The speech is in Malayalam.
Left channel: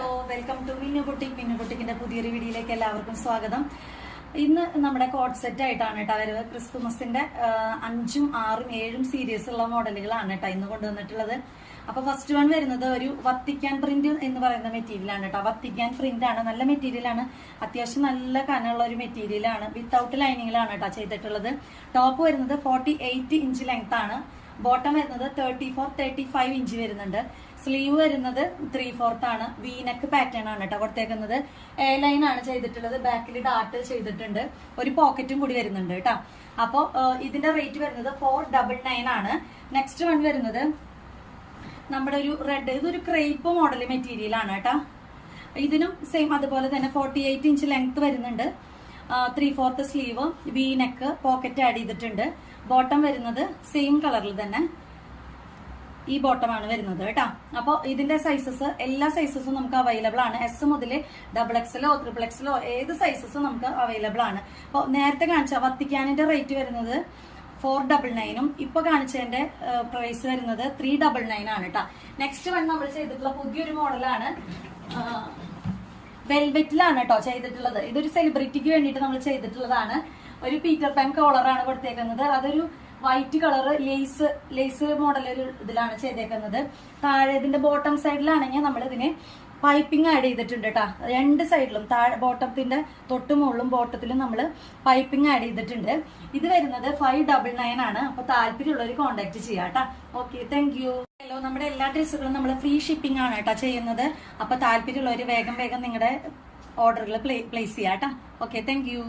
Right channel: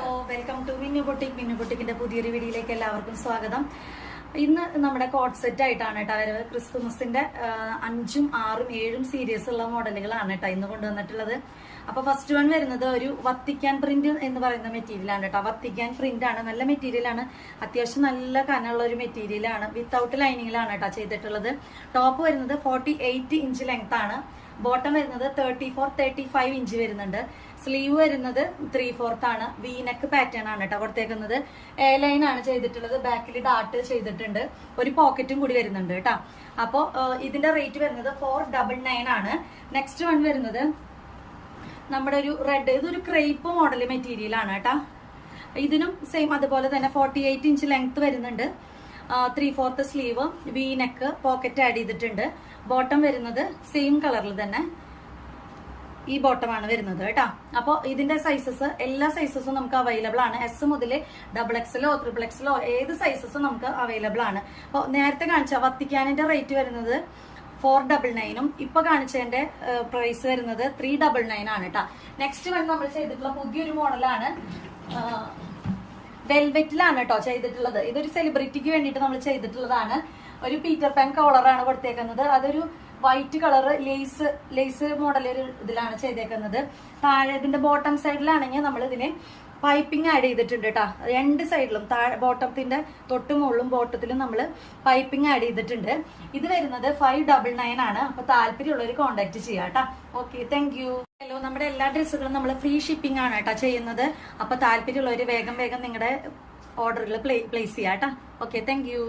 Hello, welcome to Minnu boutique. Minnu ബൊട്ടിക്കിന്റെ പുതിയൊരു വീഡിയോയിലേക്ക് എല്ലാവർക്കും സ്വാഗതം. ഇന്ന് നമ്മുടെ കോട്ട് സെറ്റ് ആയിട്ടാണ് കേട്ടോ വരവ്. ക്രിസ്തുമസിന്റെ 5ഉം 6ഉം 7ഉം സീരീസ് ഉള്ള മോഡലുകളാണ് കേട്ടോ ഇന്ന് കൊണ്ടുവന്നിട്ടുള്ളത്. അപ്പൊ ഫസ്റ്റ് വൺ വരുന്നത് ഒരു വത്തിക്കാൻ പ്രിന്റ് എന്ന് പറയുന്ന മെറ്റീരിയൽ ആണ് കേട്ടോ. വത്തിക്കാൻ പ്രിന്റ് ആണ്, നല്ല മെറ്റീരിയൽ ആണ്, അത്യാവശ്യം നല്ല കനമുള്ള ഒരു മെറ്റീരിയൽ ആണ്. വിത്തൗട്ട് ലൈനിങ്ങിലാണ് കേട്ടോ ചെയ്തിട്ടുള്ളത്. ടോപ്പ് വരുന്നത് 48 ഇഞ്ച് ലെങ്ത് ആണ്. ബോട്ടം വരുന്നത് 34-35 ഇഞ്ച് വരുന്നുണ്ട്. സ്ലീവ് വരുന്നത് 3/4 ആണ്. വീനെക്ക് പാറ്റേൺ ആണ് കേട്ടോ കൊടുത്തേക്കുന്നത്. എ ലൈൻ ആണ് ചെയ്തിട്ടുള്ളത്. ബാക്കിൽ ഡാർട്ട് ചെയ്തിട്ടുണ്ട്. ഒരു പോക്കറ്റും കൂടി വരുന്നുണ്ട് കേട്ടോ. അപ്പോ ഇതിന്റെ റേറ്റ് വരുന്നത് 499 ആണ്. നെക്സ്റ്റ് വൺ വരുന്നത് നമ്മുടെ ഒരു റെഡ്, ഇതൊരു ക്രേപ്പ് മോഡൽ മെറ്റീരിയൽ ആണ് കേട്ടോ. ഇതിനും സെയിം അതുപോലെ തന്നെ 48 ഇഞ്ച് ലെങ്ത് വരുന്നുണ്ട്. 3/4 സ്ലീവ്, വീനെക്ക്, പോക്കറ്റ് ആഡ് ചെയ്തിട്ടുണ്ട്. ബോട്ടം വരുന്നത് സെയിം കളറിൽ തന്നെ ഈ ബോട്ടമാണ് വരുന്നത് കേട്ടോ. അപ്പോൾ ഇതിന്റെ സൈസസ്, എല്ലാ സൈസസും നമുക്ക് അവൈലബിൾ ആണ്. എസ് മുതൽ XXL-ഓ XXL-ഓ ഏത് സൈസസും നമുക്ക് അവൈലബിൾ ആണ്. അപ്പോൾ നേരത്തെ കാണിച്ച വത്തിക്കാനിന്റെ റേറ്റ് വരുന്നത് 499ഉം ഇപ്പൊ കാണിച്ചതിന്റെ പ്രൈസ് വരുന്നത് 399 ആണ് കേട്ടോ. നെക്സ്റ്റ് വൺ നമ്മൾ ചെയ്തിട്ടുള്ള പുതിയൊരു മോഡലാണ്. വെൽവെറ്റിലാണ് കേട്ടോ ചെയ്തിട്ടുള്ളത്. ഇതൊരു സെലിബ്രിറ്റിക്ക് വേണ്ടിയിട്ട് നമ്മൾ ചെയ്തിട്ടുള്ളതാണ്. ഒരു പീറ്റർ പാൻ കോളറാണ് കൊടുത്തേക്കുന്നത്. അതൊരു വൈറ്റ് കളർ ലേസ് മോഡൽ ഇതിലാണ് ചെയ്തേക്കുന്നത്. താഴെ ഇതിന്റെ ബോട്ടം സൈഡിലാണെങ്കിൽ നമ്മൾ ഇതിന് പൈപ്പിംഗ് ആഡ് ചെയ്തിട്ടുണ്ട് കേട്ടോ. രണ്ട് സൈഡിലും താഴെ ബോട്ടത്തിന്റെ തൊട്ട് മുകളിലും ബോട്ടത്തിലും നമ്മൾ പൈപ്പിംഗ് ആഡ് ചെയ്തിട്ടുണ്ട്. ഇത് വരുന്നത് 599 ആണ്. അപ്പൊ താല്പര്യമുള്ളവർ കോൺടാക്ട് ചെയ്യാം കേട്ടോ. Okay, thank you. ഹലോ, നമ്മുടെ എല്ലാ ഡ്രസ്സുകളും നമ്മൾ ഫ്രീ ഷിപ്പിംഗ് ആണ് കേട്ടോ ചെയ്യുന്നത്. അപ്പൊ താല്പര്യമുള്ളവർ വേഗം നിങ്ങളുടെ ഓർഡറുകൾ പ്ലേസ് ചെയ്യാം കേട്ടോ. Okay, thank you.